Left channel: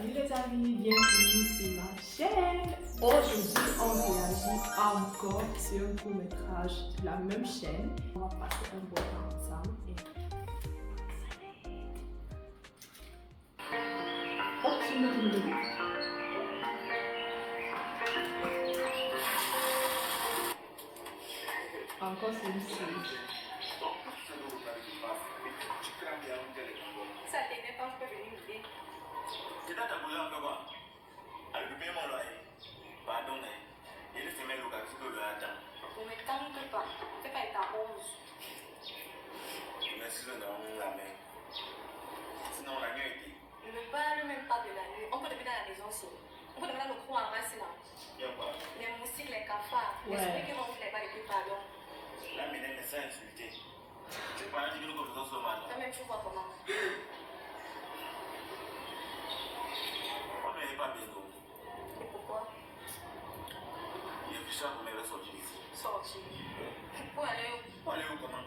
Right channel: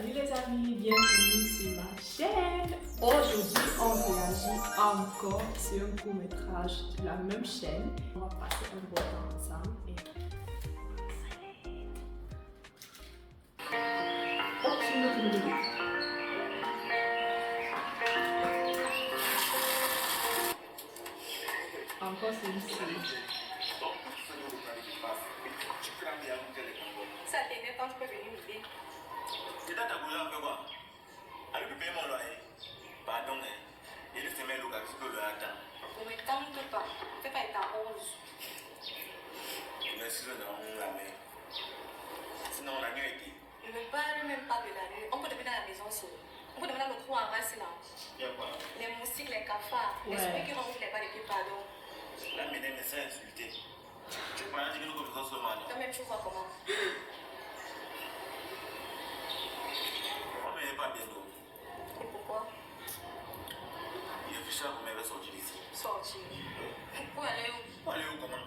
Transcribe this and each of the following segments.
Salut les amis, bienvenue sur ma chaîne. Aujourd'hui, on réagit encore sur un court-métrage de la même chaîne. On va passer un bon temps ensemble et... Oh, c'est une autre vidéo. Encore celui-ci. Ça t'aide quand tu peux venir m'aider. C'est dans ta boulot un peu quoi. Avec le paiement là, pardon, il est semaine local, c'est que le attend. Pour me calmer pas, fais pas être à 11. Merci de nous la main. Sinon, la nuit était. Ne me parle même pas de la nuit. On peut devenir à la maison seule. On peut devenir le trou en race là. Il y a quoi? Les moustiques, les cafards, Ouais. les souris qui vont ouvrir les balles et pardon. La ménée me s'est insultée. Tu peux pas dire que nous sommes sur le Toi-même, tu vois comment. On ne pas bien d'eau. Et pourquoi Il est plus cher qu'on avait sorti d'ici. sortir? Pour aller où? On est où comment?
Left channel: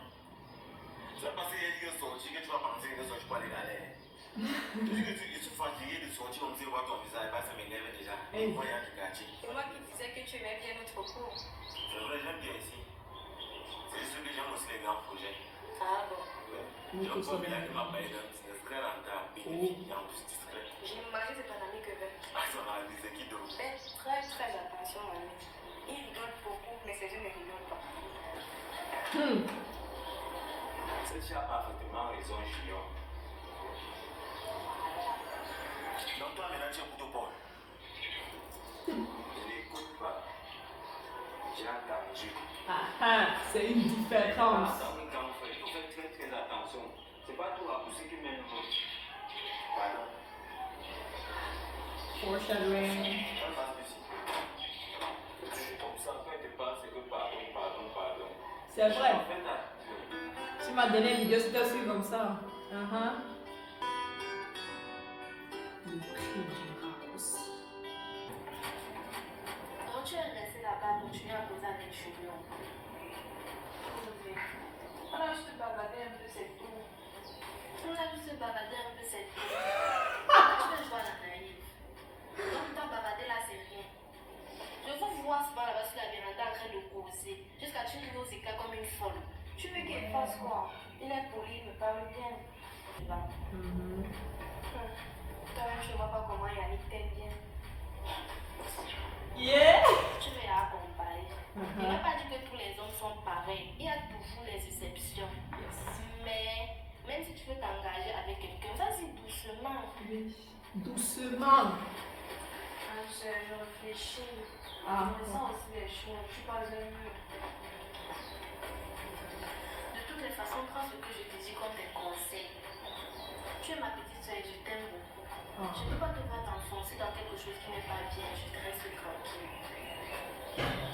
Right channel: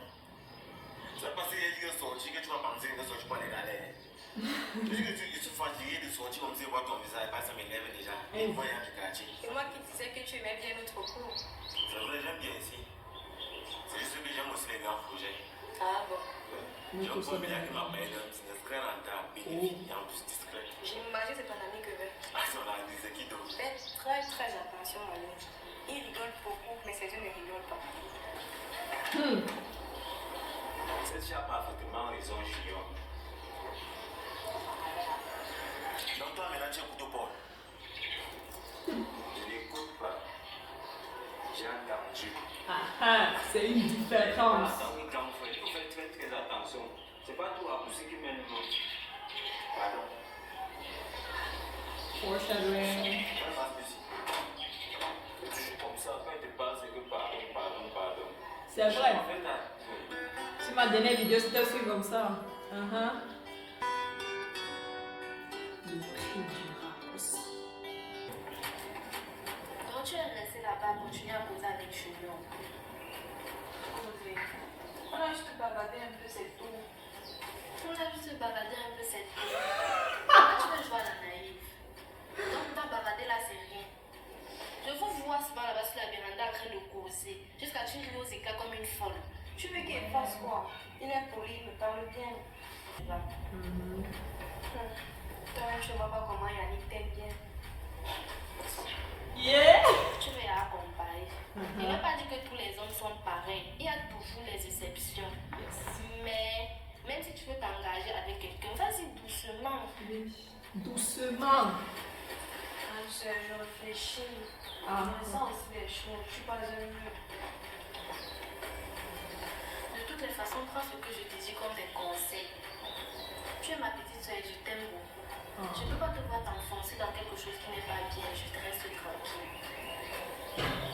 Tu vas passer les jours sortis que tu vas penser que sortir pour aller d'aller. Je suis fatigué de sortir comme si voir ton visage, pas ça m'énerve déjà. Hey. Il faut rien du quartier. C'est moi qui disais que tu aimais bien notre cours. C'est vrai, j'aime bien ici. C'est juste que j'aime aussi les grands projets. Ah bon. Nous Je tous vois sommes bien bien. que ma mère est discret, rentable, bénéfique et en plus discret. J'imagine c'est ton ami que veut. Ah, si on a dit c'est qui d'autre? Fais très très attention à lui. Il rigole beaucoup, mais ses yeux ne rigolent pas. Cette fille a parfaitement raison, Junior. Donc toi, maintenant, tu écoutes Paul. Je n'écoute pas. J'ai entendu. Ah, c'est une différence. Attendez, quand vous faites, il faut faire très très attention. C'est pas tout à pousser qui mène l'autre. Pardon. Foreshadowing. On passe ici. C'est toujours comme ça, quand il te parle, c'est que pardon. C'est vrai. En fait, là, Sur ma dernière vidéo, c'était aussi comme ça. Le prix du raccourci. Quand tu es resté là-bas, continuer à causer avec Julien. On a juste bavardé un peu, c'est tout. On a juste bavardé un peu, c'est tout. Tu peux jouer à la naïve. Donc, t'as bavardé là, c'est rien. Je vous vois souvent là-bas sur la véranda en train de causer, jusqu'à tu ris aux éclats comme une folle. Tu veux qu'il fasse quoi? Il est poli, il me parle bien. Là. Toi-même, je ne vois pas comment Yannick t'aime bien. Yeah! Tu veux la accompagner. Il n'a pas dit que tous les hommes sont pareils. Il y a toujours les exceptions. Mais même si tu veux t'engager avec quelqu'un, vas-y doucement. Oui. Doucement. Je réfléchis. Ah. Je sens aussi les choses. Je ne suis pas un mur. De toutes les façons, prends ce que je te dis comme des conseils. Tu es ma petite soeur et je t'aime beaucoup. Ah. Je ne peux pas te voir t'enfoncer dans quelque chose qui n'est pas bien. Je te reste tranquille.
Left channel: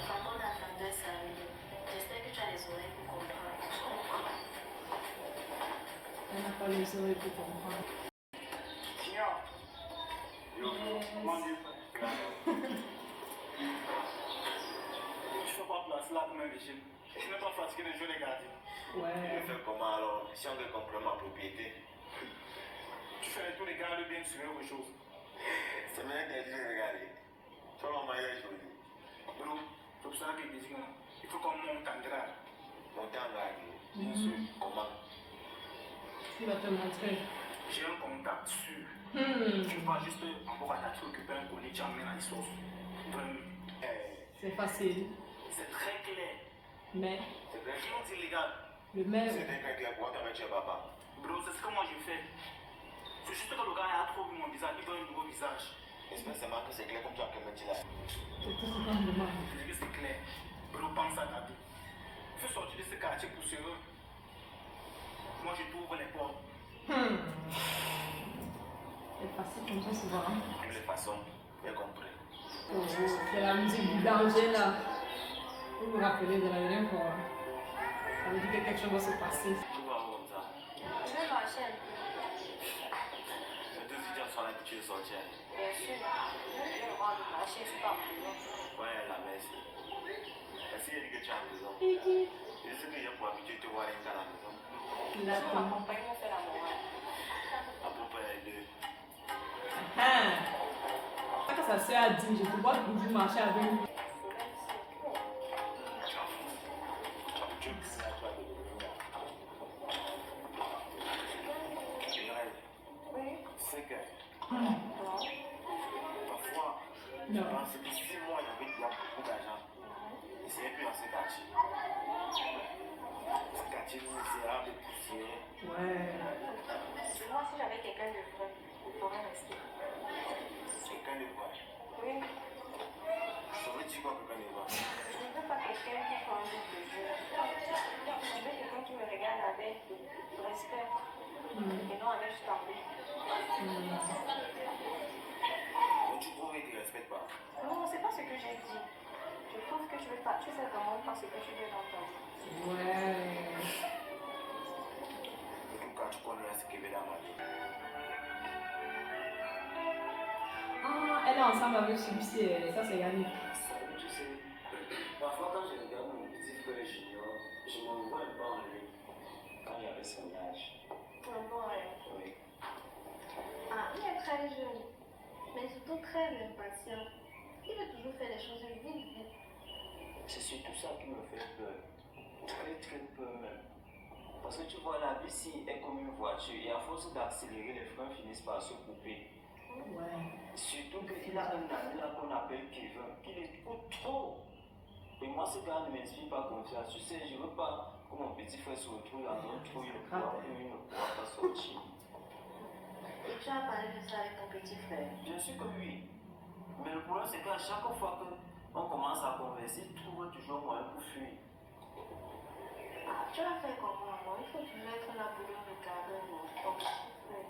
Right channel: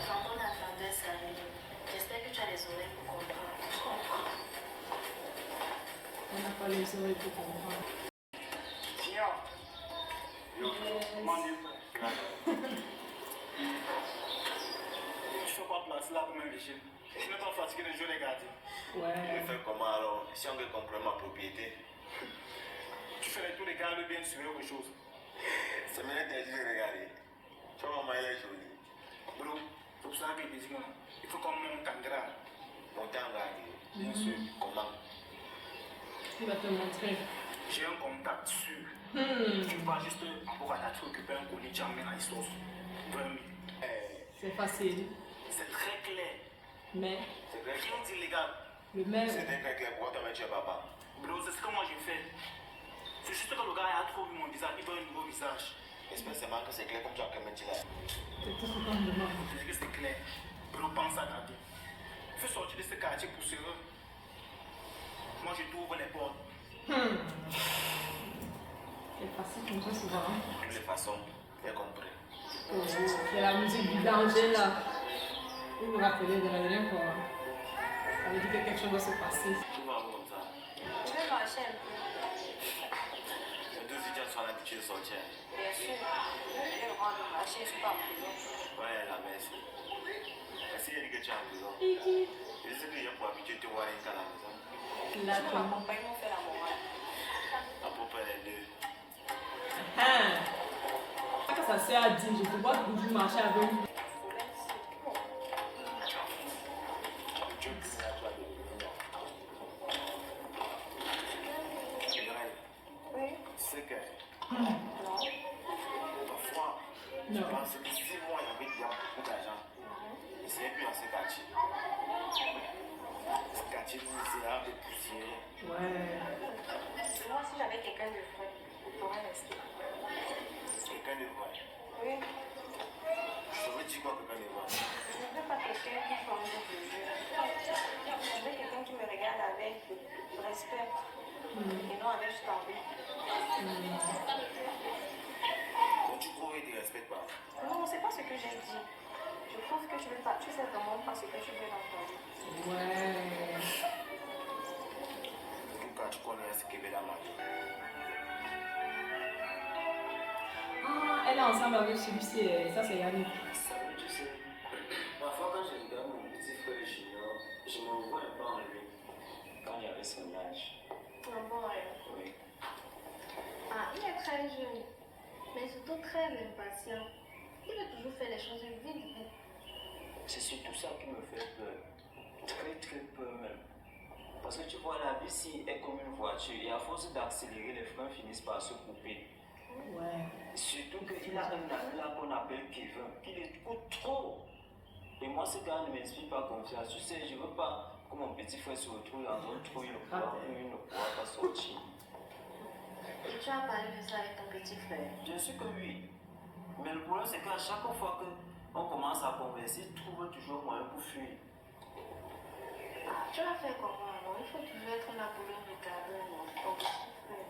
Quand on a grandeur, c'est arrivé. J'espère que tu as les oreilles pour comprendre. Je comprends. Elle n'a pas les oreilles pour comprendre. Junior. Comment dire? Tu fais pas place là comme un régime. Tu n'es pas fatigué de jouer les gardiens. Ouais. Je fais comment alors? Si on veut comprendre ma propriété. Tu fais tous les gardes bien sur autre chose. C'est maintenant que tu as regardé. Tu vois maman est jolie. Bro, c'est pour ça que je dis il faut qu'on monte en grade. Monter en grade. Bien sûr. Comment? Il va te montrer. J'ai un contact sûr. Tu vas juste encore à t'occuper un colis, tu amènes à la sauce. 20 minutes. C'est facile. C'est très clair. Mais C'est très clair. Qui dit légal? le maire. C'est très clair. Pourquoi t'as mis papa? Bro, c'est ce que moi je fais. C'est juste que le gars a trop vu mon visage, il veut un nouveau visage. J'espère seulement que c'est clair comme tu as dit là. C'est tout ce qu'on me demande. Je dis c'est clair. Bro, pense à ta vie. Fais sortir de ce quartier poussiéreux. Moi je t'ouvre les portes. C'est facile comme ça souvent. Hein? De toutes les façons, j'ai compris. Oh, c'est la musique du danger là. Vous vous rappelez de la dernière fois. Ça veut dire que quelque chose va se passer. Tu vas voir ça. Je vais marcher un peu. C'est deux étudiants sont habitués de sortir. Bien sûr. Je vais rendre marcher, je ne suis pas en prison. Ouais, la merci. Est-ce qu'il y a dit que tu es en prison? Kiki. Je sais qu'il y a pour habituer de te voir à la maison. Là, Je vais m'accompagner, on fait la morale. À peu près deux. Ah. sa soeur a dit, je te vois toujours marcher avec lui. C'est que Hmm. parfois, Non. dans ces 6 mois, il y avait beaucoup d'argent. Et c'est plus dans ces quartiers. Ces quartiers misérables, poussiéreux. Ouais. Moi, si j'avais quelqu'un de vrai, il pourrait rester. Quelqu'un de vrai. Oui, Je veux dire quoi, quelqu'un de vrai. je ne veux pas quelqu'un qui change de jeu. Je veux quelqu'un qui me regarde avec respect et non avec envie. Donc tu crois qu'il ne te respecte pas. Non, c'est pas ce que j'ai dit. Je trouve que tu fais vraiment pas ce que tu veux dans ta vie. Ouais. Donc quand tu connais ce qu'il veut la magie. Ah, elle est ensemble avec celui-ci. Ça, c'est Yannick. Salut, tu sais, parfois quand je regarde mon petit frère Junior, je me vois un peu en lui quand il avait son âge. Ah bon, ouais. Oui. Ah, il est très jeune, mais surtout très impatient. Il veut toujours faire les choses vite, vite. C'est surtout ça qui me fait peur. Très très peur même. Parce que tu vois, la vie ici est comme une voiture et à force d'accélérer, les freins finissent par se couper. Ouais. Surtout qu'il a un ami là qu'on appelle Kevin, qui l'écoute trop. Et moi, ce gars ne m'inspire pas confiance. Tu sais, je ne veux pas que mon petit frère se retrouve dans un trou, il ne pourra pas sortir. Et tu as parlé de ça avec ton petit frère? Bien sûr que oui. Mais le problème, c'est qu'à chaque fois qu'on commence à converser, il trouve toujours moyen pour fuir. Ah, tu vas faire comment? Non, il faut toujours être là pour le regarder, non? Ton petit frère.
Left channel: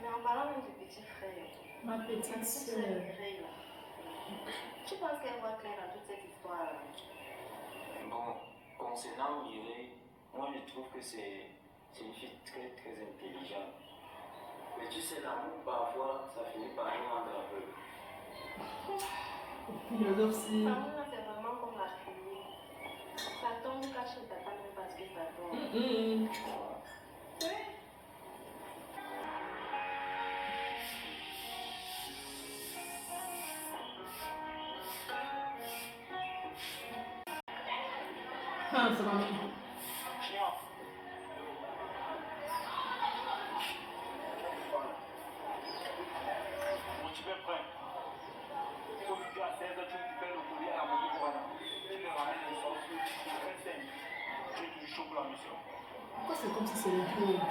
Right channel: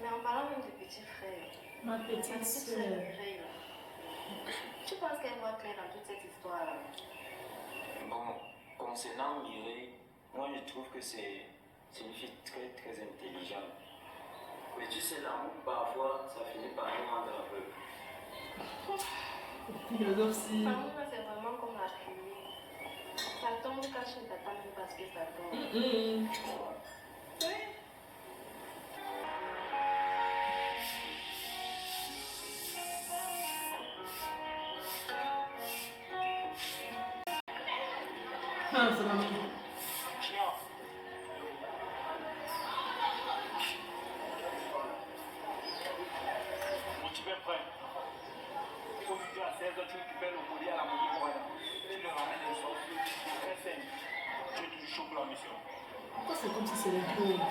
Mais en parlant même du petit frère, Ma la petite petite soeur. sœur Mireille, là, tu penses qu'elle va faire dans toute cette histoire-là? Bon, concernant Mireille, moi je trouve que c'est une fille très très intelligente. Mais tu sais, l'amour, parfois, ça finit par nous rendre aveugles. Philosophie. L'amour, là, c'est vraiment comme la pluie. Ça tombe quand tu ne t'attends même pas à ce que ça tombe. Tu vois. Ah, ça va. Tu peux prendre. Il faut que tu à 16 heures, tu récupères le courrier à la mairie pour aller. Tu me ramènes les sauces. Très simple. Tu es toujours chaud pour la mission. Pourquoi c'est comme si c'est le pauvre?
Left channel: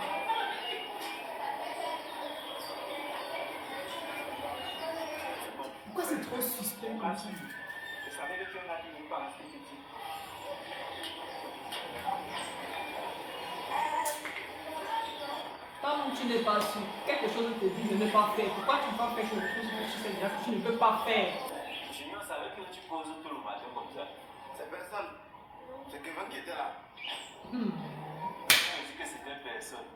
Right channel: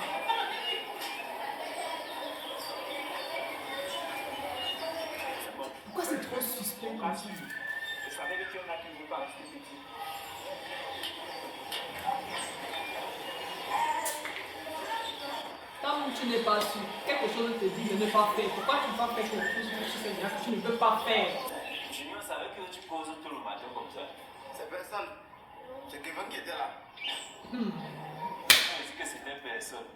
C'est bon. Pourquoi c'est trop suspect comme ça? Je savais que tu es là, tu ne veux pas rester ici. Tant que tu n'es pas sûr, quelque chose te dit de ne pas faire. Pourquoi tu ne vas pas faire quelque chose que tu sais déjà que tu ne peux pas faire? Junior savait que tu poses tout le matin comme ça. C'est personne. C'est Kevin qui était là. On dit que c'était personne.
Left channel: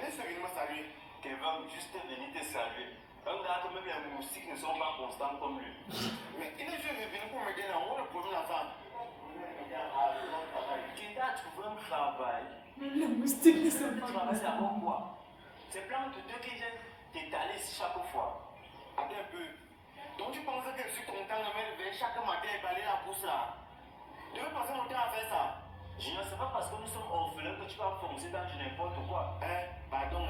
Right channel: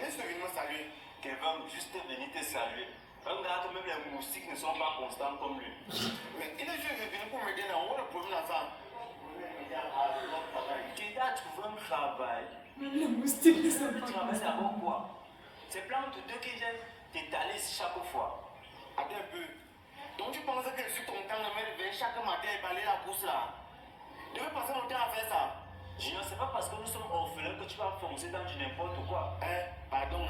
Laisse venir me saluer. Kevin, juste venu te saluer. Un gars que même les moustiques ne sont pas constants comme lui. Mais il est venu pour me dire, on a le problème là-bas. Tu as trouvé un travail. Même les moustiques ne sont Tu pas travailles comme ça. d'abord quoi? C'est plein de deux qui viennent t'étaler ici chaque fois. Attends un peu. Donc tu penses que je suis ton temps de me réveiller chaque matin et balayer la bourse là? Tu veux passer mon temps à faire ça? Junior, c'est pas parce que nous sommes orphelins que tu vas foncer dans du n'importe quoi. Pardon.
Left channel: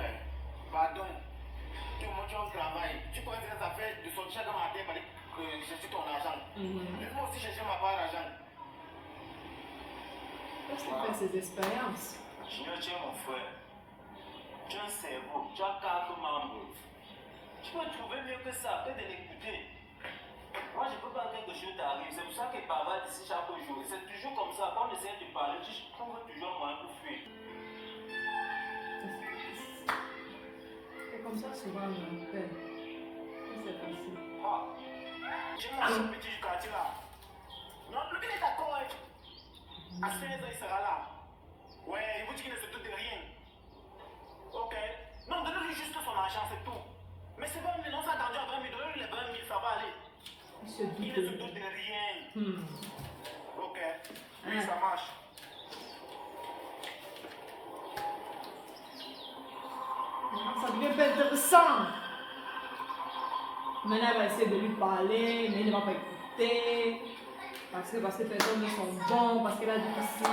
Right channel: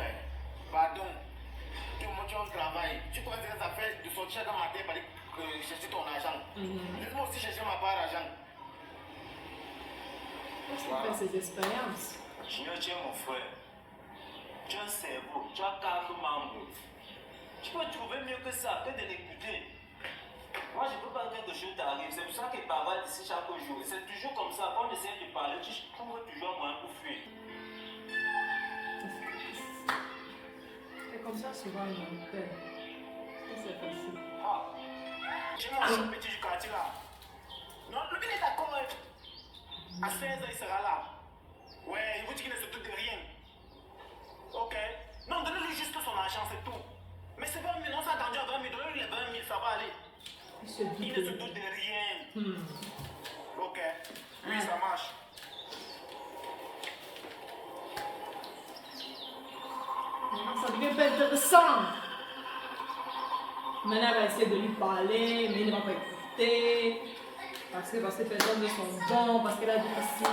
Que moi tu as un travail. Tu connais les affaires de sortir chaque matin et aller chercher ton argent. Laisse-moi aussi chercher ma part d'argent. Parce qu'il fait ses expériences. Junior, tu es mon frère. Tu as un cerveau, tu as 4 membres. Tu peux trouver mieux que ça, que de l'écouter. Moi, je ne peux pas que quelque chose t'arrive. C'est pour ça qu'il bavarde ici chaque jour. Et c'est toujours comme ça. Quand on essaie de parler, tu trouves toujours un moyen pour fuir. C'est comme ça souvent mon père. C'est facile. Tu vois ce petit du quartier là? Non, le gars est d'accord. À 16 ans, il sera là. Ouais, il vous dit qu'il ne se doute de rien. Ok. Non, donnez-lui juste son argent, c'est tout. Mais c'est bon, non, ça a attendu à 20 000. Donnez-lui les 20 000, ça va aller. Il se doute Il ne se doute de rien. Ok. Oui, ça marche. Maintenant, ça devient pas intéressant. Maintenant, elle va essayer de lui parler, mais il ne va pas écouter. Parce que personnes ne sont bons, parce qu'elle a dit aussi,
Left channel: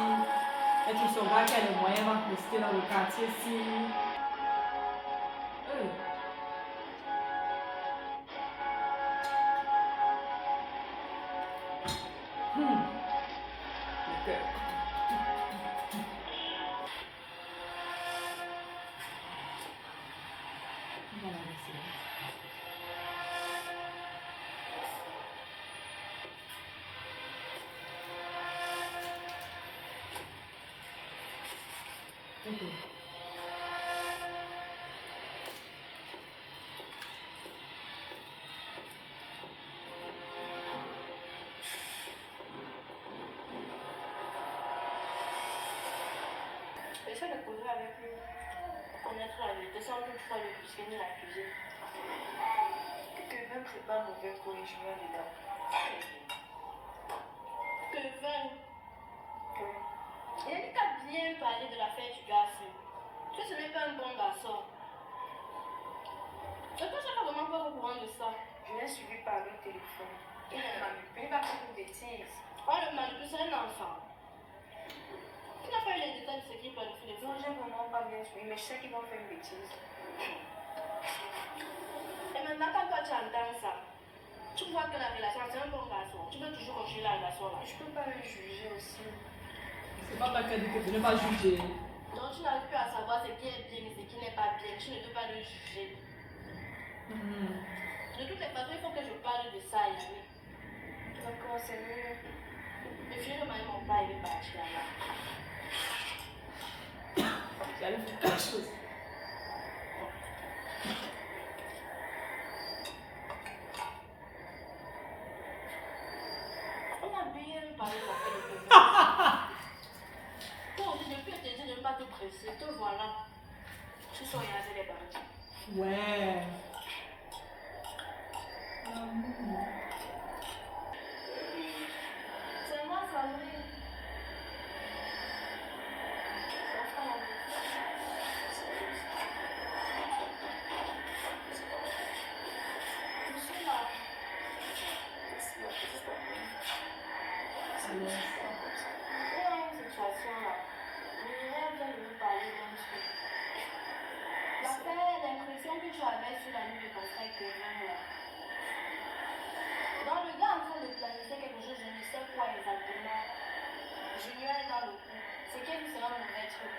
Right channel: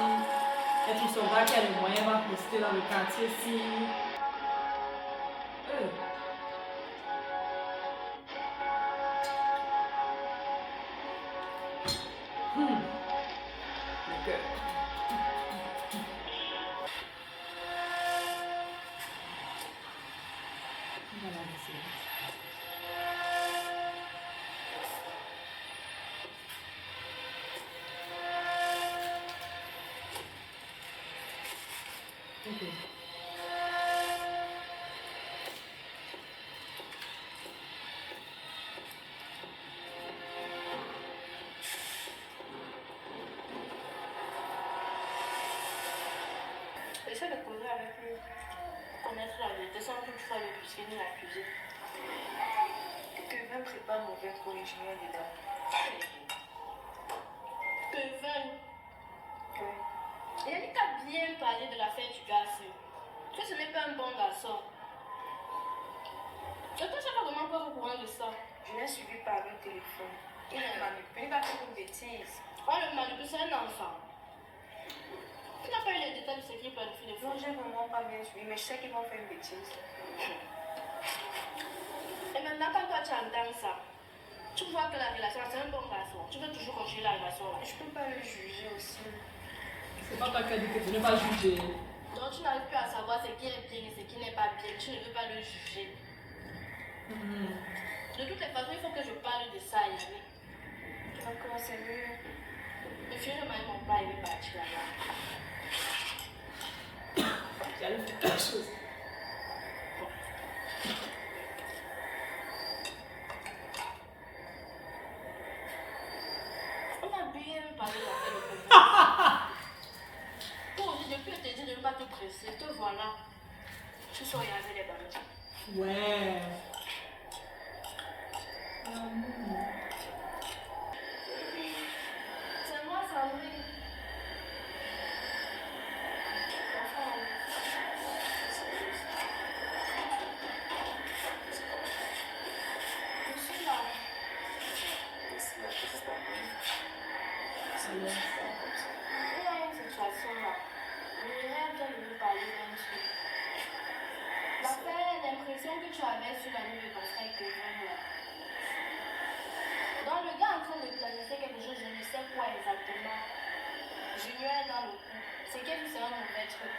elle trouve son gars qui a les moyens, va rester dans le quartier ici. Ok. On va la laisser. Ok. Essaie de causer avec lui, connaître la vérité sans toutefois le brusquer ni l'accuser. Kevin, c'est pas mauvais pour les juniors dedans. Kevin, il a dit qu'à bien parler de l'affaire du garçon. Que ce n'est pas un bon garçon. Et toi, tu n'as pas vraiment pas au courant de ça. Je l'ai suivi par le téléphone. Il va faire une bêtise. Oh, le manipule, c'est un enfant. Tu n'as pas eu les détails de ce qui planifie les Non, choses. j'ai vraiment pas bien suivi, mais je sais qu'ils vont faire une bêtise. Et maintenant, quand toi tu entends ça, tu vois que la relation, c'est un bon garçon. Tu veux toujours continuer la relation là. Je peux pas le juger aussi. C'est pas toi qui as dit que tu n'es pas jugé. Donc tu n'arrives plus à savoir ce qui est bien et ce qui n'est pas bien. Tu ne veux pas le juger. De toutes les façons, il faut que je parle de ça, Yannick. D'accord, c'est mieux. Le fils de mon père, il est parti là-bas. J'allais faire quelque chose. On a bien parlé de l'affaire de Kevin. Pour depuis que je t'ai dit de ne pas te presser, te voilà. Tu sors raser les bandits. Ouais. L'amour. C'est moi, Sandrine. Je suis là. Alors. Il y a une situation là. Le rêve vient de nous parler d'un truc. L'affaire, l'impression que tu avais sur la nuit de constat avec Kevin là. Donc le gars est en train de planifier quelque chose, je ne sais quoi exactement. Junior est dans le coup. C'est quel sera un mauvais truc.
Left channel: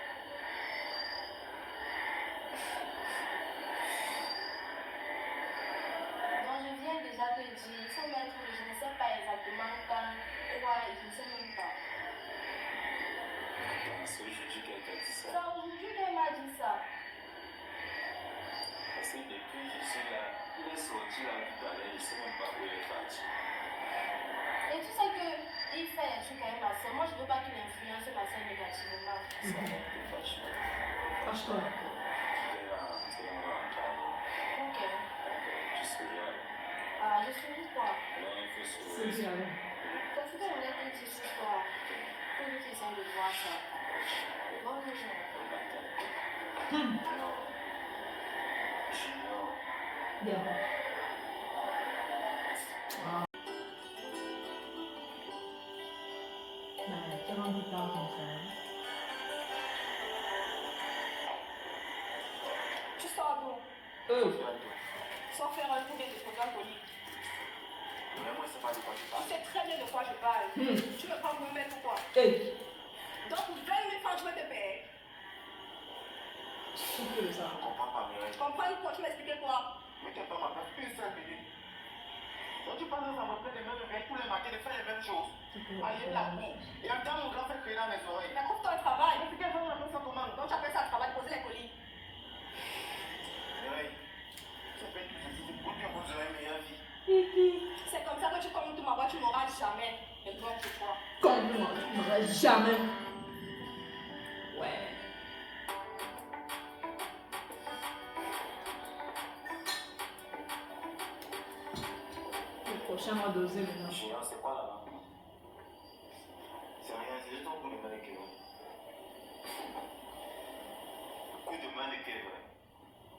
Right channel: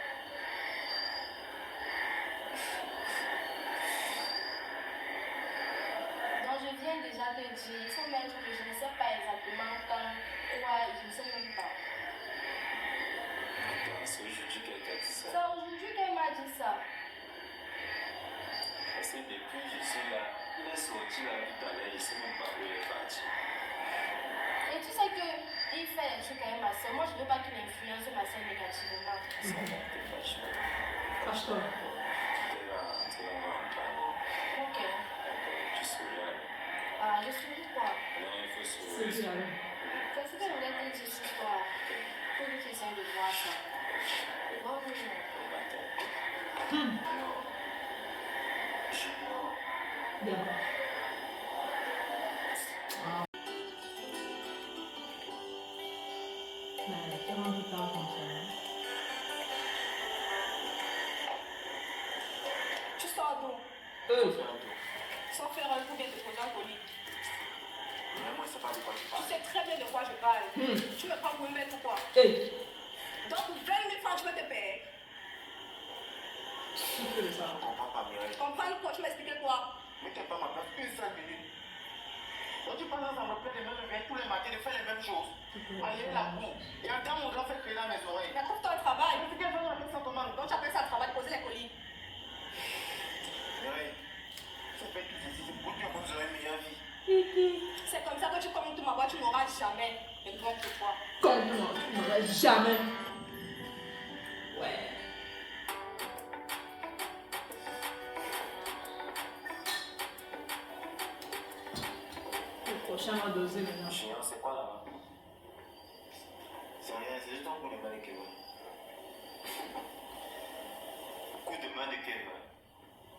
Donc je viens déjà te dire, il faut mettre que je ne sais pas exactement quand, quoi, je ne sais même pas. C'est aujourd'hui qu'elle t'a dit ça. C'est aujourd'hui qu'elle m'a dit ça. Parce que depuis je suis là, il est sorti là tout à l'heure, il ne sait même pas où il est parti. Et tu sais qu'il fait un truc avec ma soeur. Moi, je ne veux pas qu'il influence ma soeur négativement. Ça va te fâcher. Fâche-toi. Tu vas en parler. Ok. Tu seras. Ah, je suis quoi? Non, il faut se C'est bien. C'est ce que je voulais te dire ce soir. Pour que tu essaies de voir ça. Bonne nuit. Junior. Bien. Wow. Mais tu rends du temps comme ça. Hein? Tu sors d'où? Sans faire un coup de programme poli. Mais moi, c'est pas de quoi tu Tu parles. sais très bien de quoi je parle. Tu me prends pour une mec ou quoi? Hey! Donc pour 20 000 francs, tu veux te payer. Souffle de ça. Je comprends pas, Mireille. Comprendre quoi? Tu m'expliques quoi? Mais tu n'as pas ma place, une seule minute. Donc tu passes dans ma plaie de me tous les matins de faire les mêmes choses. Aller la boue. Et entendre mon grand frère crier dans mes oreilles. Mais trouve-toi un travail. Mais c'est qu'elle veut appeler ça comment? Donc tu appelles ça un travail, poser les colis. Mireille, ça fait tout ceci pour que vous aurez une meilleure vie. C'est comme ça que tu comptes ma voix, tu n'auras jamais. Et donc pour toi. Contre-moi, tu n'auras jamais. Ouais. Le prochain va doser maintenant. Junior, c'est quoi là-bas? C'est rien, c'est juste un coup de main de Kevin. Coup de main de Kevin.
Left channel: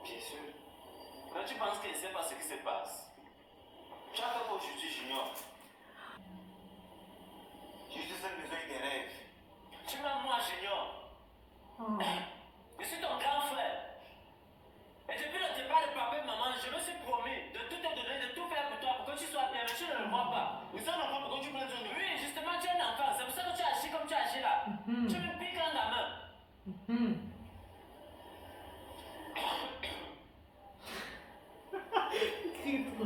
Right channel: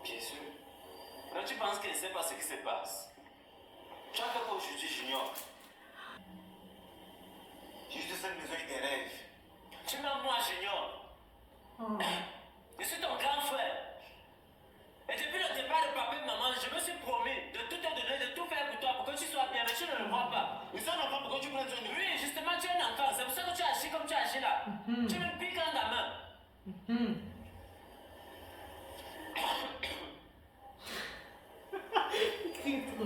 Bien sûr. Là, tu penses qu'il ne sait pas ce qui se passe? Tu as fait quoi aujourd'hui, Junior? J'ai juste besoin des rêves. Tu m'as moi, Junior. Oh. Je suis ton grand frère. Et depuis le départ de papa et maman, je me suis promis de tout te donner, de tout faire pour toi, pour que tu sois bien, mais tu ne le vois pas. Mais ça, non pas pourquoi tu prends soin de lui. Oui, justement, tu es un enfant. C'est pour ça que tu agis comme tu agis là. Tu me piques dans la main. Il crie trop.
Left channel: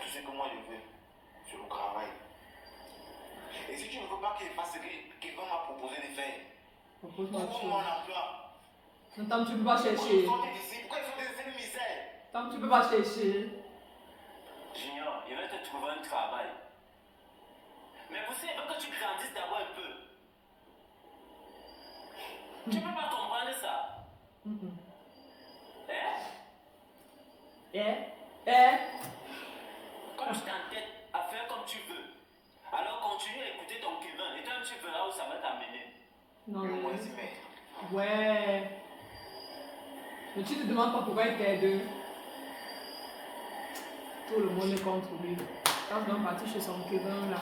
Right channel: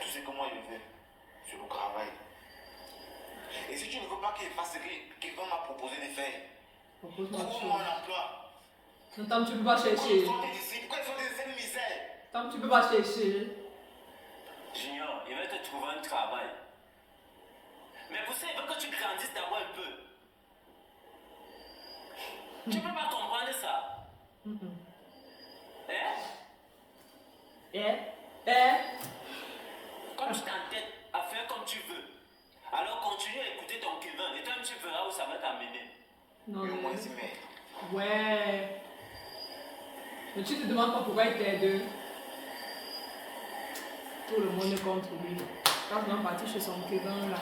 Tu sais comment je veux. C'est le travail. Et si tu ne veux pas qu'il fasse ce qu'il va m'a proposé de faire, Propose-moi autre trouve-moi chose. un emploi. Non, tant que tu peux pas Pourquoi chercher. ils sortent d'ici? Pourquoi ils sont des essais de misère? Tant que tu peux pas chercher. Junior, il va te trouver un travail. Mais pour ça, il faut que tu grandisses d'abord un peu. Tu ne peux pas comprendre ça. Hein? Comme tu t'entêtes à faire comme tu veux, alors continue à écouter ton clivin et toi tu verras où ça va t'amener. Non, Mais moi, mais... c'est mais. Ouais. Mais tu te demandes pas pourquoi il t'aide. Tout le monde est contre lui. Quand on est parti chez son Kevin là.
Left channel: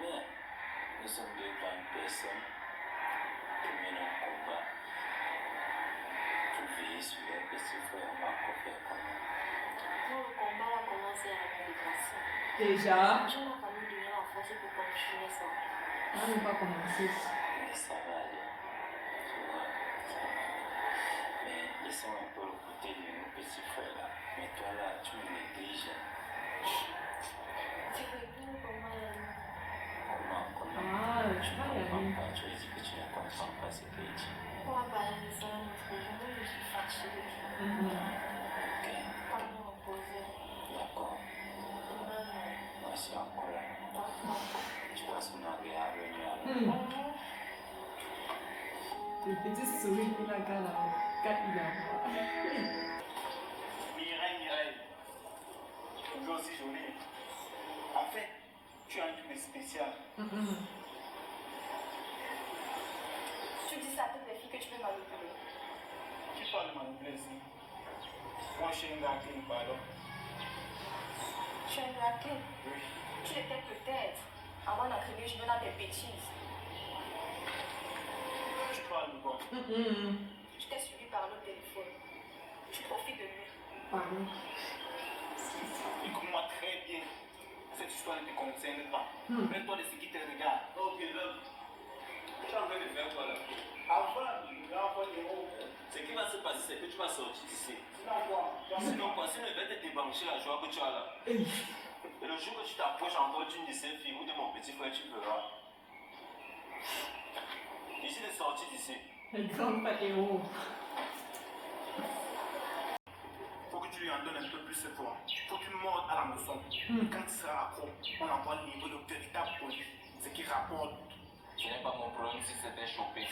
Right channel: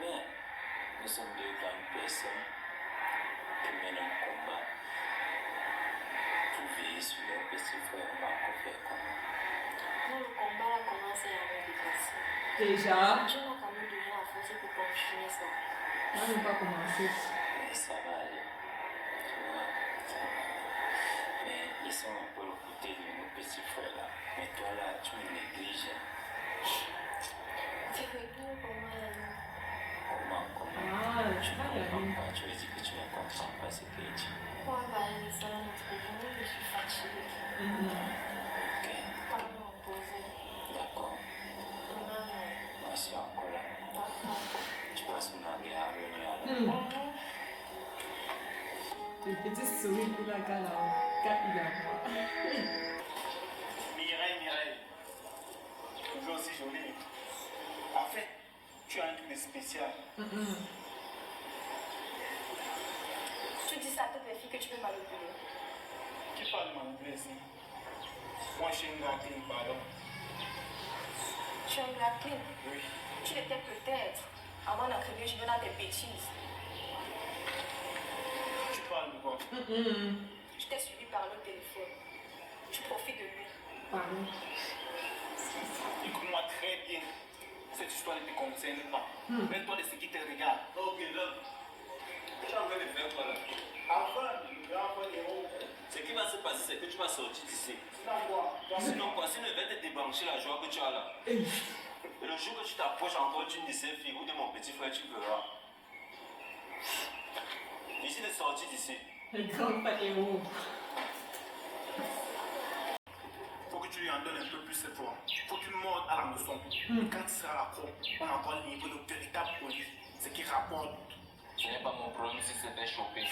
Mais nous sommes deux grandes personnes qui mènent un combat pour veiller sur leur petit frère Marco Fercon. Non, le combat a commencé à me dépasser. Déjà, Je n'ai quand même donné la force pour continuer ça. on n'a même pas commencé. Mais ça va aller. Tu vois, ça va aller. Mais laissons un peu le côté de nos petits frères là. Mais toi là, tu me négliges. Tu veux plus comment elle Comment? Ah, Tu je ne crois qu'il y a comprends une. pas. Tu as dit que tu ne comprends pas ce qu'il dit. Pourquoi parler de ça un autre jour? Je suis fatiguée. Ok, Pas m'imposer. d'accord. Maman, Moi, je suis encore là. d'accord. Tu passes mon anglais à venir alors. Le petit sourire qu'il a quand il a voix. Mireille. Tu es aussi jolie. En fait, tu as un truc de spécial. Tu dis ça à toutes les filles que tu veux manipuler. Qui parle manipuler ici? Moi, je suis un gars qui me pardonne. Tu es un raquet. Oui. Tu l'étais peut-être avant d'attribuer je veux dans tes bêtises. Tu parles de quoi? Je t'ai suivi par le téléphone. Tu profites de lui. Pardon. Écoute-moi très bien. Cette histoire ne te concerne pas. Mets-toi de ce qui te regarde. Ok, donc, tu as envie de faire quoi là? Ce qui va se passer, c'est que tu vas sortir d'ici. Sinon quoi, sinon il va te débrancher la joie que tu as là. Et le jour que tu t'approches encore d'une de ces filles ou de mon petit frère, tu verras. Ici de sortir d'ici. Le grand pas héros. Faut que tu lui en donnes un peu plus cette fois. Faut que tu mordes à la leçon. Quand tu seras accro, on apprend le niveau de véritable police. Ce qui rapporte. Ce n'est pas mon problème si c'était chopé.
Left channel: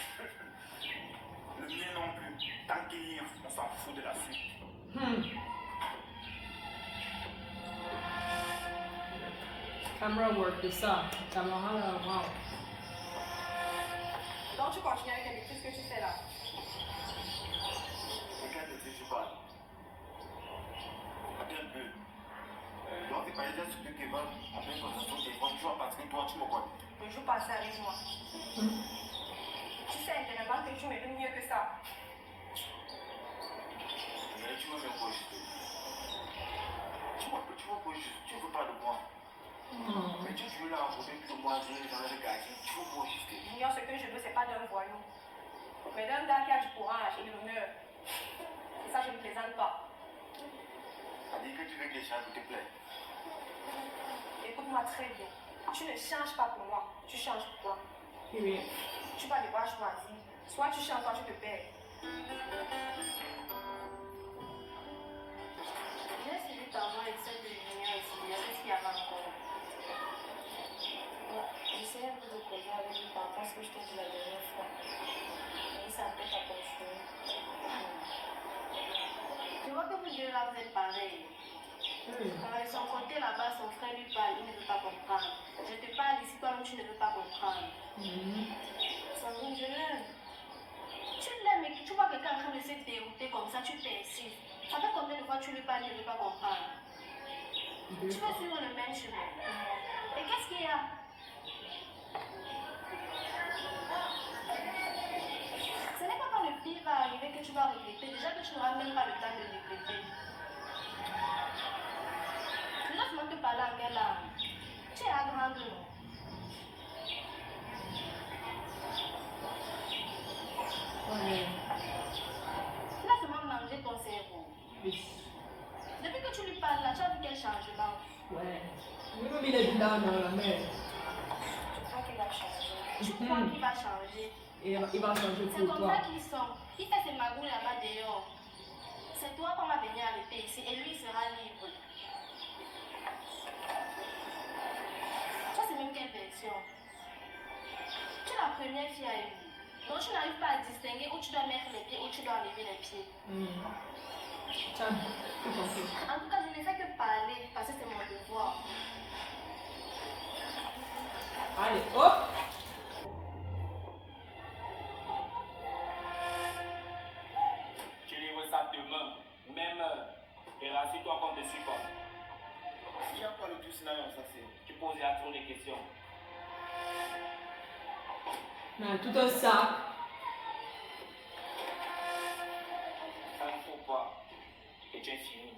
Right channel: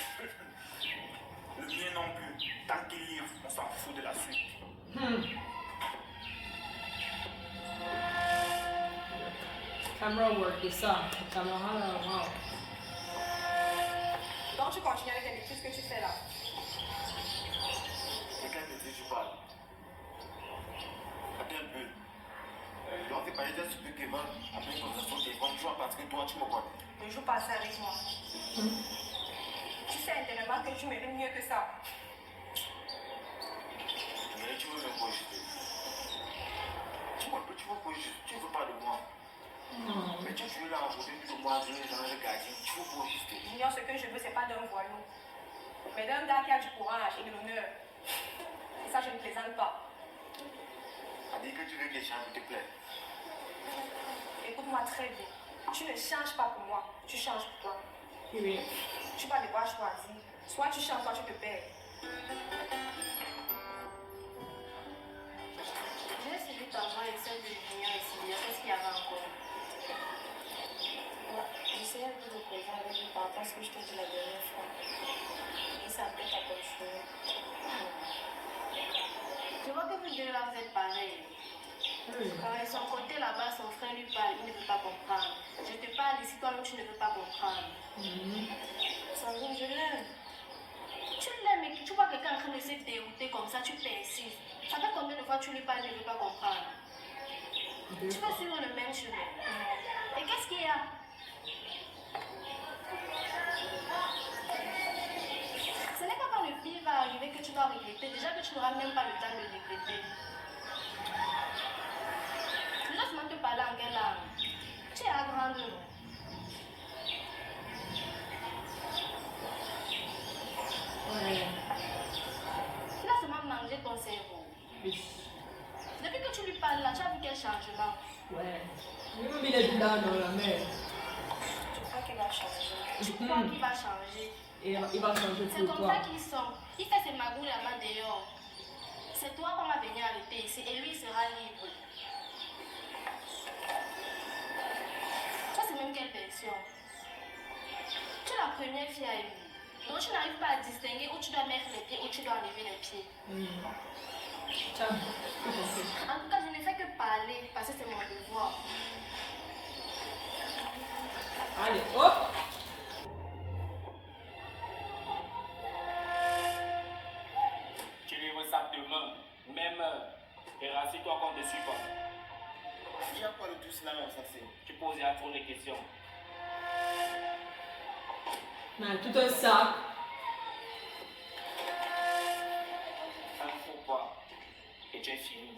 Le mien non plus. Tant qu'il y a, on s'en fout de la suite. Camera work, c'est ça. Caméra là, wow. Donc tu continues avec les bêtises que tu fais là. De quel côté tu parles? Attends un peu. Donc, t'es pas déjà sur le Kevin, après ton téléphone, tu vois parce que toi, tu me connais. Ne joue pas ça avec moi. Tu sais intérieurement que tu mérites mieux que ça. Mais tu veux me projeter. Tu veux projeter, tu veux pas de moi. Mais tu veux la raconter plus ou moins, je vais dans le regarder, tu veux projeter. Junior, ce que je veux, c'est pas d'un voyou. Mais d'un gars qui a du courage et de l'honneur. Et ça, je ne plaisante pas. Ça dit que tu veux que les change te plaît. Écoute-moi très bien. Tu ne changes pas pour moi, tu changes pour toi. Oui. Tu vas devoir choisir. Soit tu changes, soit tu te perds. J'ai suivi ta voix et celle de Junior ici. Qu'est-ce qu'il y avait encore? J'essayais un peu de causer avec lui par rapport à ce que je t'ai dit la dernière fois. Mais ça peut pas continuer. Tu vois que vous deux là, vous êtes pareils. De son côté là-bas, son frère lui parle, il ne veut pas comprendre. Je te parle ici, toi-même tu ne veux pas comprendre. Sandrine, je l'aime. Tu l'aimes et tu vois quelqu'un en train de se dérouter comme ça, tu persistes. Ça fait combien de fois tu lui parles, il ne veut pas comprendre. Tu veux suivre le même chemin. Et qu'est-ce qu'il y a? Ce n'est pas quand le pire va arriver que tu vas regretter. Déjà que tu n'auras même pas le temps de regretter. Laisse-moi te parler en quelle langue. Tu es à grande, non? Ouais. Laisse-moi manger ton cerveau. Oui. Depuis que tu lui parles là, tu as vu quel changement? Ouais. Lui-même, il est dedans dans la mer. Tu crois qu'il va changer? Tu crois qu'il va changer? Et il va changer C'est pour comme toi. ça qu'ils sont. Il fait ses magouilles là-bas dehors. C'est toi qu'on va venir arrêter ici et lui il sera libre. Ça c'est même quelle version? Tu es la première fille à lui. Donc tu n'arrives pas à distinguer où tu dois mettre les pieds, où tu dois enlever les pieds. Tiens, tout compris. En tout cas, je ne fais que parler parce que c'est mon devoir. Allez, hop. Tu livres ça demain, même heure. Et rassure-toi qu'on ne te suit pas. Il n'y a pas de tout cela, ça c'est. Tu poses à trop de questions. Mais tout un sac. Il ne faut pas. Et tu es fini.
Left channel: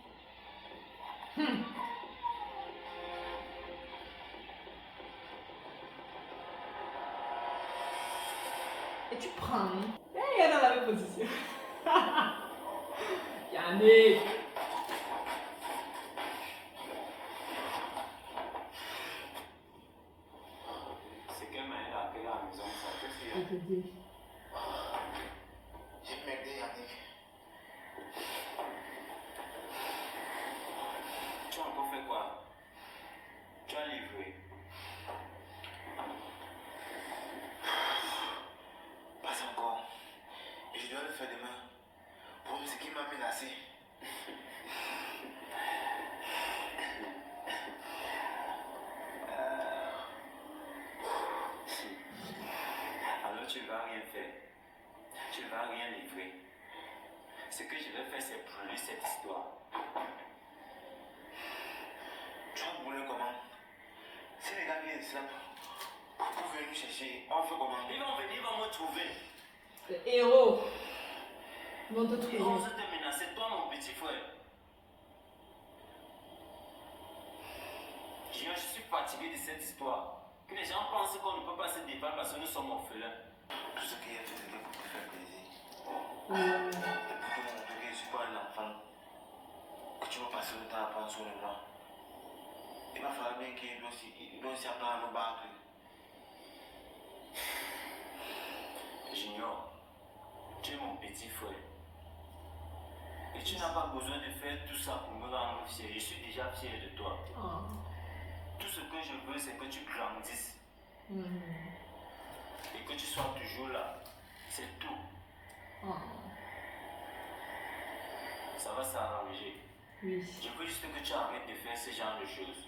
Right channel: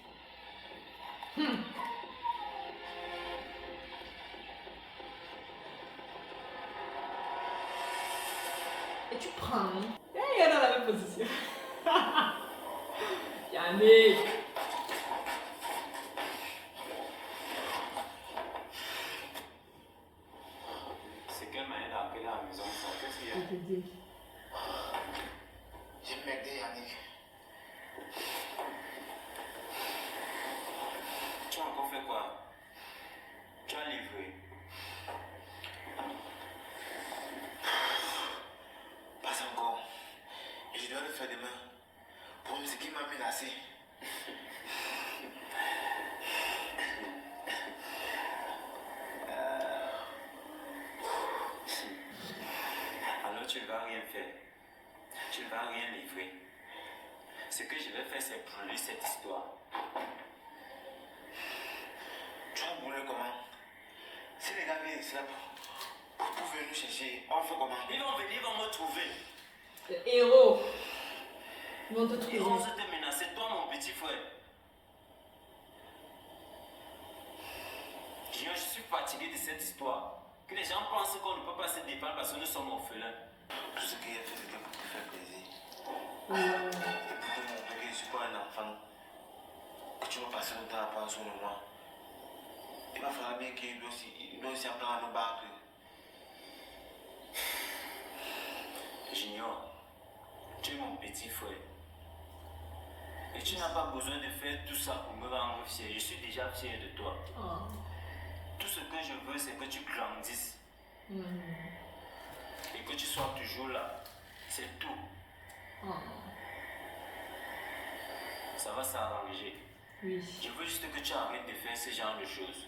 Et tu prends. Et il est dans la même position. Yannick. C'est quelle manière d'appeler à la maison ça? Qu'est-ce qu'il y a? Je te dis. J'ai merdé, Yannick. Tu as encore fait quoi? Tu as livré. Pas encore. Et je dois le faire demain. Pour ce qui m'a menacé. Alors tu ne vas rien faire. Tu ne vas rien livrer. Ce que je vais faire, c'est brûler cette histoire. Tu as brûlé comment? Si les gars viennent ici là pour venir nous chercher, on fait comment? Ils vont venir, ils vont me trouver. Le héros. Ils vont te Ils vont trouver. se te menacer, toi mon petit frère. Je suis fatigué de cette histoire. Que les gens pensent qu'on ne peut pas se défendre parce que nous sommes orphelins. Tout ce qu'il a fait, c'était pour te faire plaisir. Ouais. Et pour te montrer que je ne suis pas un enfant. Que tu vas passer le temps à penser sur moi. Il va falloir bien qu'il doit aussi apprendre à me battre. Junior, tu es mon petit frère. Et tu n'as pas besoin de faire tout ça pour me rendre fier. Je suis déjà fier de toi. Oh. Tout ce que je veux, c'est que tu grandisses et que tu sois toujours là. C'est tout. Oh. Ça va s'arranger. Oui. Je veux juste que tu arrêtes de faire ce genre de choses.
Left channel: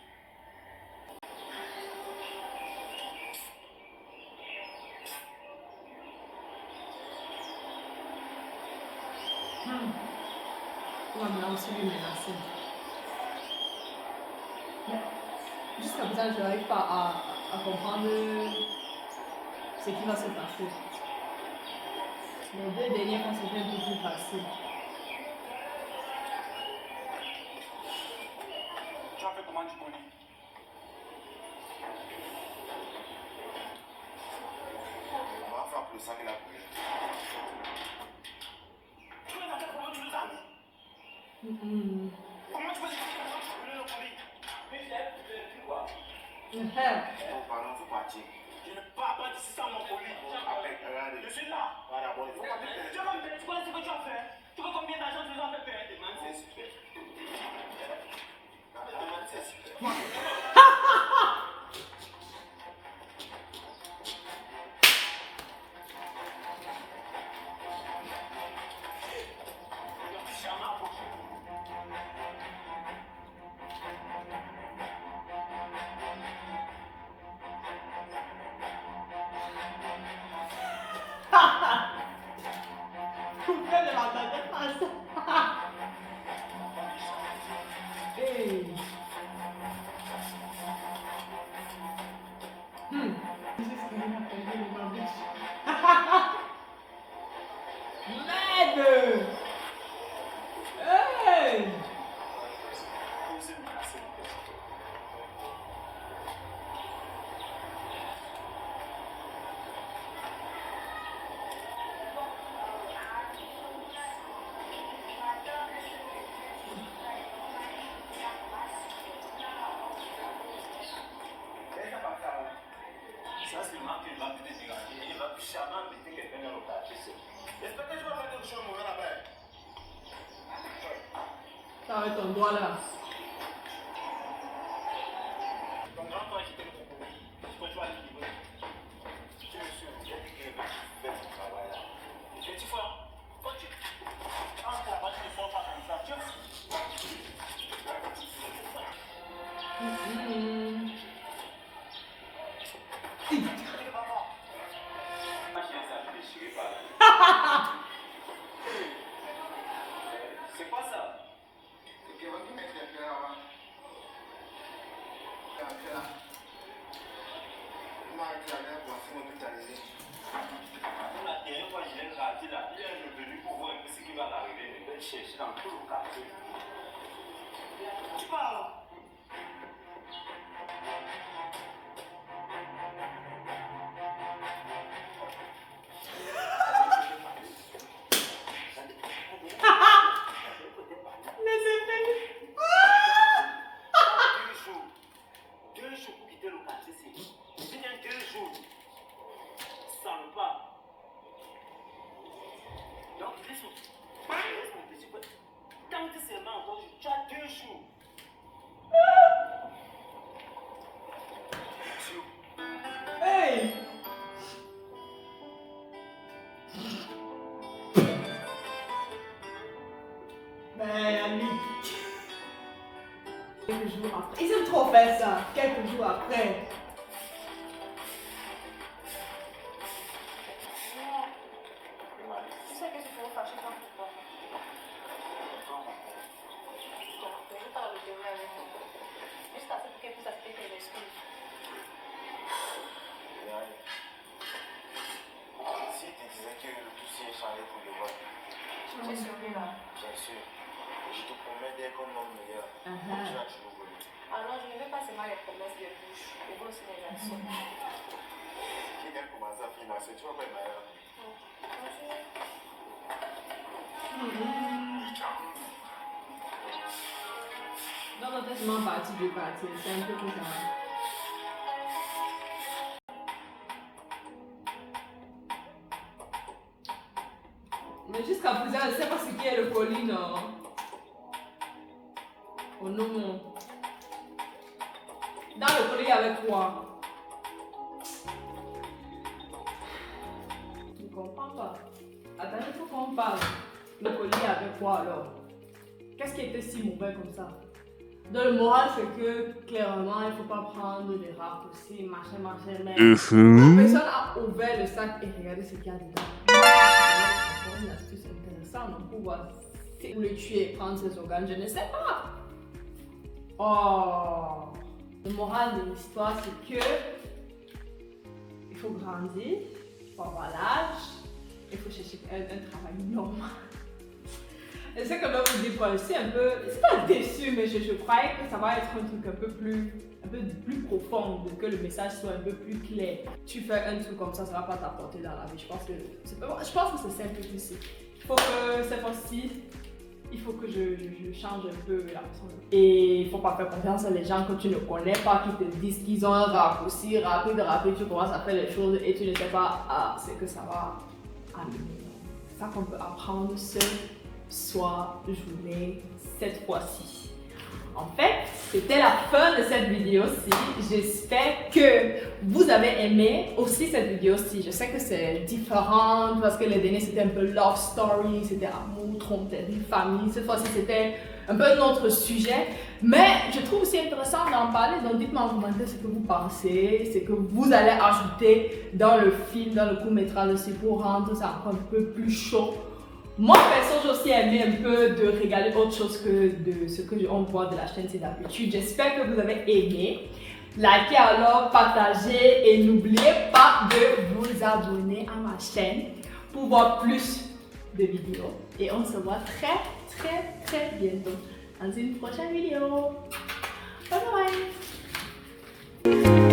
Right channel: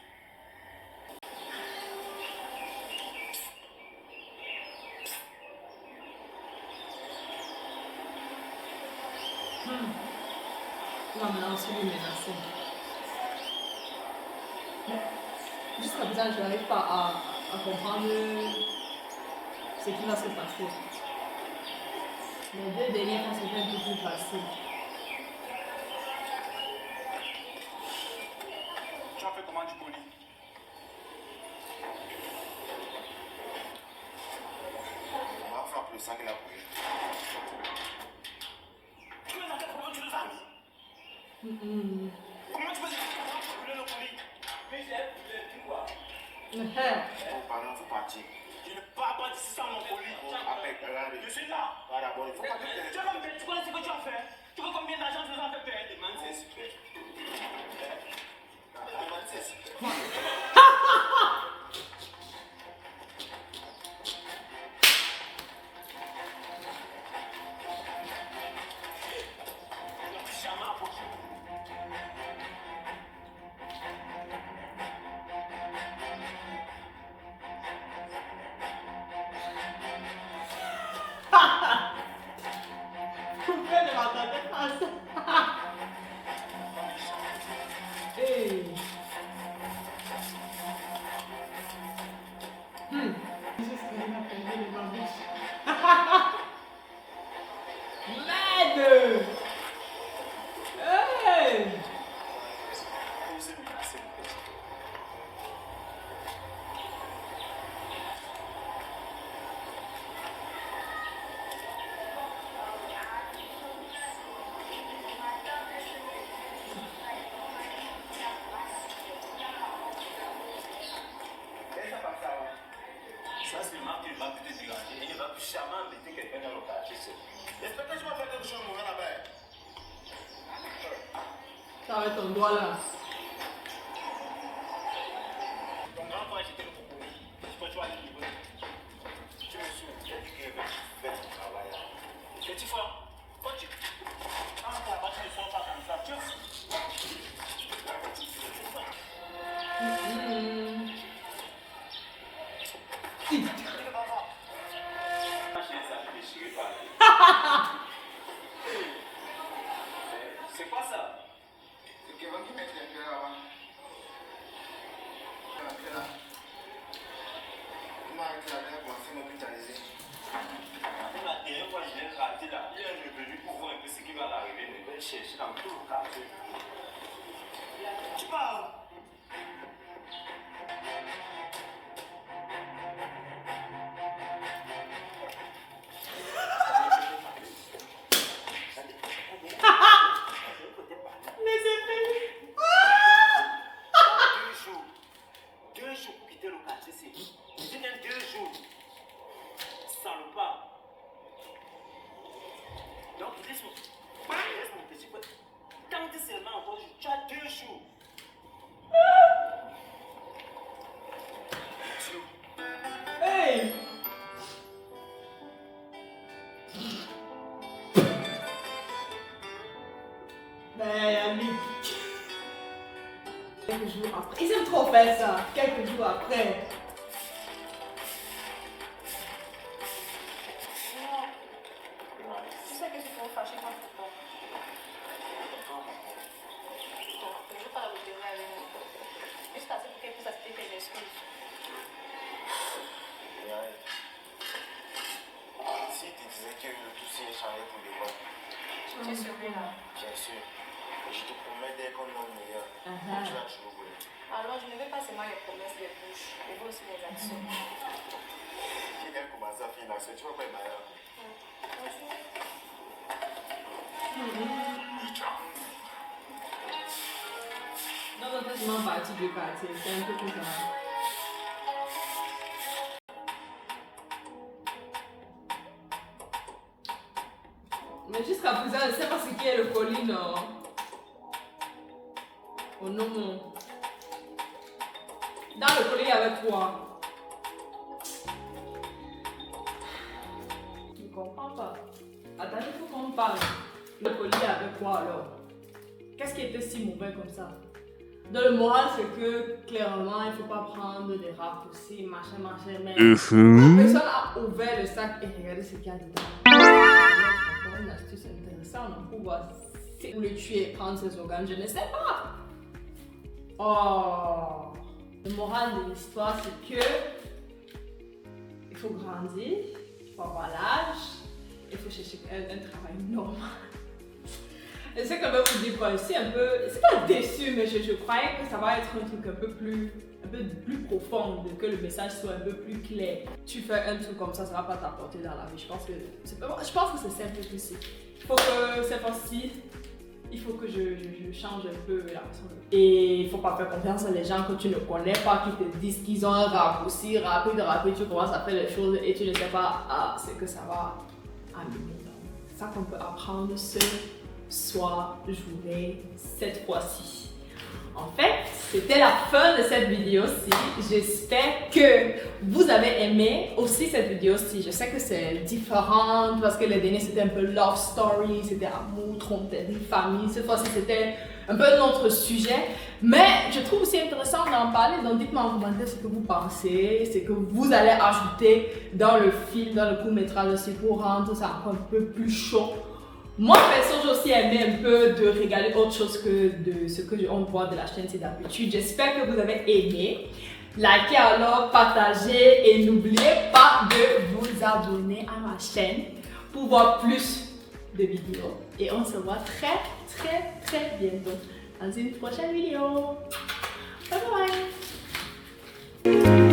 On va maintenant aussi lui menacer. Mais jusqu'à présent, je n'arrive pas à comprendre ce qui va se passer. Les deux dernières fois, c'était un peu plus facile. Tu as fait comment du colis? On va faire plus ça que la police. Tu es dans quel problème tu nous as mis? Comment tu peux dire que tu as brûlé le colis? Mais j'ai brûlé, tu vois. Oh, pardon, il faut partir. Je ne pars pas d'ici sans mon colis. Regardez. Je suis là. Voilà, bon, il faut pas Tu vas me payer, tu connais ce que tu as fait? Tu vois combien d'argent tu nous as fait perdre? Demande, c'est super. Demande, c'est super. Jamais approché. m'a pu te déranger. Il ne va plus jamais inviter quelqu'un dans le quartier. J'espère que je vais faire quelque chose de mauvais là-bas. Ça avec ton doigt là. Ton grand frère, j'étais le propos. Je peux toi livrer. Tu me suis dit qu'il va faire son travail là. Petit frère, quand tu entres là-bas, tu ne sors pas comme ça. Tu c'est quoi ça? C'est Kevin qui m'a interpellé là-bas. Il m'a arrêté la guerre pour essayer de m'hospitaliser. La dernière fois, je l'ai raté là. Il est revenu pour voir un peu ce qui va l'arriver. Il va chercher dans tout le quartier. Tu parles? Les effets. 2 jours pour quitter le quartier, c'est qui? Je viens 2 jours. Salopard. Donc, laisse-moi. Laisse-moi, petit peu. Quand tu es seulement encore, tu as 2 jours. Hey! Ben, Yannick. Quelques jours après. Ils aiment trop faire ça. Quelques jours après. Tu sais que tu peux me fâcher contre toi. Donc, je ne veux pas la retenir avec nous. Juste assez pour qu'elle puisse accepter tes excuses. Si tu disais que tout s'est changé pour de bon, Tu es celui-là. bien sûr. Je te promets d'être un homme meilleur. Tu as toujours voulu. Alors, je ne veux pas seulement les promesses de bouche, je veux aussi les actions. Qui vient de commencer à financer, tu vas pas être malheureux. Non, non, c'est vraiment parti du quartier. C'est un peu tout ça. Mais jusqu'à présent, je ne sais pas ce qui est le colis, non. Oh non. Dans le colis, il y avait quoi? Je ne comprends pas. Attendez, il faut qu'on parle. Le colis, il y avait quoi alors? Qu'est-ce qui était si mauvais comme ça? Dans le moral, c'est que clairement, il ne faut pas prendre des raccourcis, machin, mais la personne a ouvert le sac et regardez ce qu'il y a dedans. C'est une astuce intéressante pour voir si vous le tuez, prendre ses organes, je ne sais pas. Oh, le moral de l'histoire, c'est que il faut grandir, il faut avoir l'âge, il faut chercher un travail normal. Et c'est quand même vous dire quoi, je suis un peu, c'est pas déçu, mais je croyais que ça va être un truc un peu plus profond, que le message soit un peu plus clair. Tu fais un truc comme ça va pas t'apporter dans la vie. Je pense que c'est simple aussi. Il faut que cette fois-ci, il faut que je change un peu la façon de... Et il faut pas faire confiance à les gens que tu ne connais pas, qui te disent qu'ils ont un raccourci rapide, tu commences à faire les choses et tu ne sais pas ce que ça va amener. C'est ça qu'on peut apprendre seul. Soit journée cette fois-ci. En fait, c'était la fin de cette vidéo-ci. J'espère que vous avez aimé aussi cette vidéo-ci. Je sais que c'est différent parce que les derniers c'était un peu love story, c'était amour, tromperie, famille. Cette fois-ci c'était un peu un autre sujet. Mais je trouve aussi intéressant d'en parler. Donc dites-moi en commentaire ce que vous pensez, ce que vous allez ajouter dans le film, dans le court-métrage aussi pour rendre ça encore un peu plus chaud. Moi, perso, j'ai aussi aimé un peu de regarder autre chose que de ce que on voit de la chaîne C'est d'habitude. J'espère que vous avez aimé. Likez alors, partagez et n'oubliez pas de vous abonner à ma chaîne pour voir plus de vidéos. Et on se voit très bientôt dans une prochaine vidéo. Bye bye!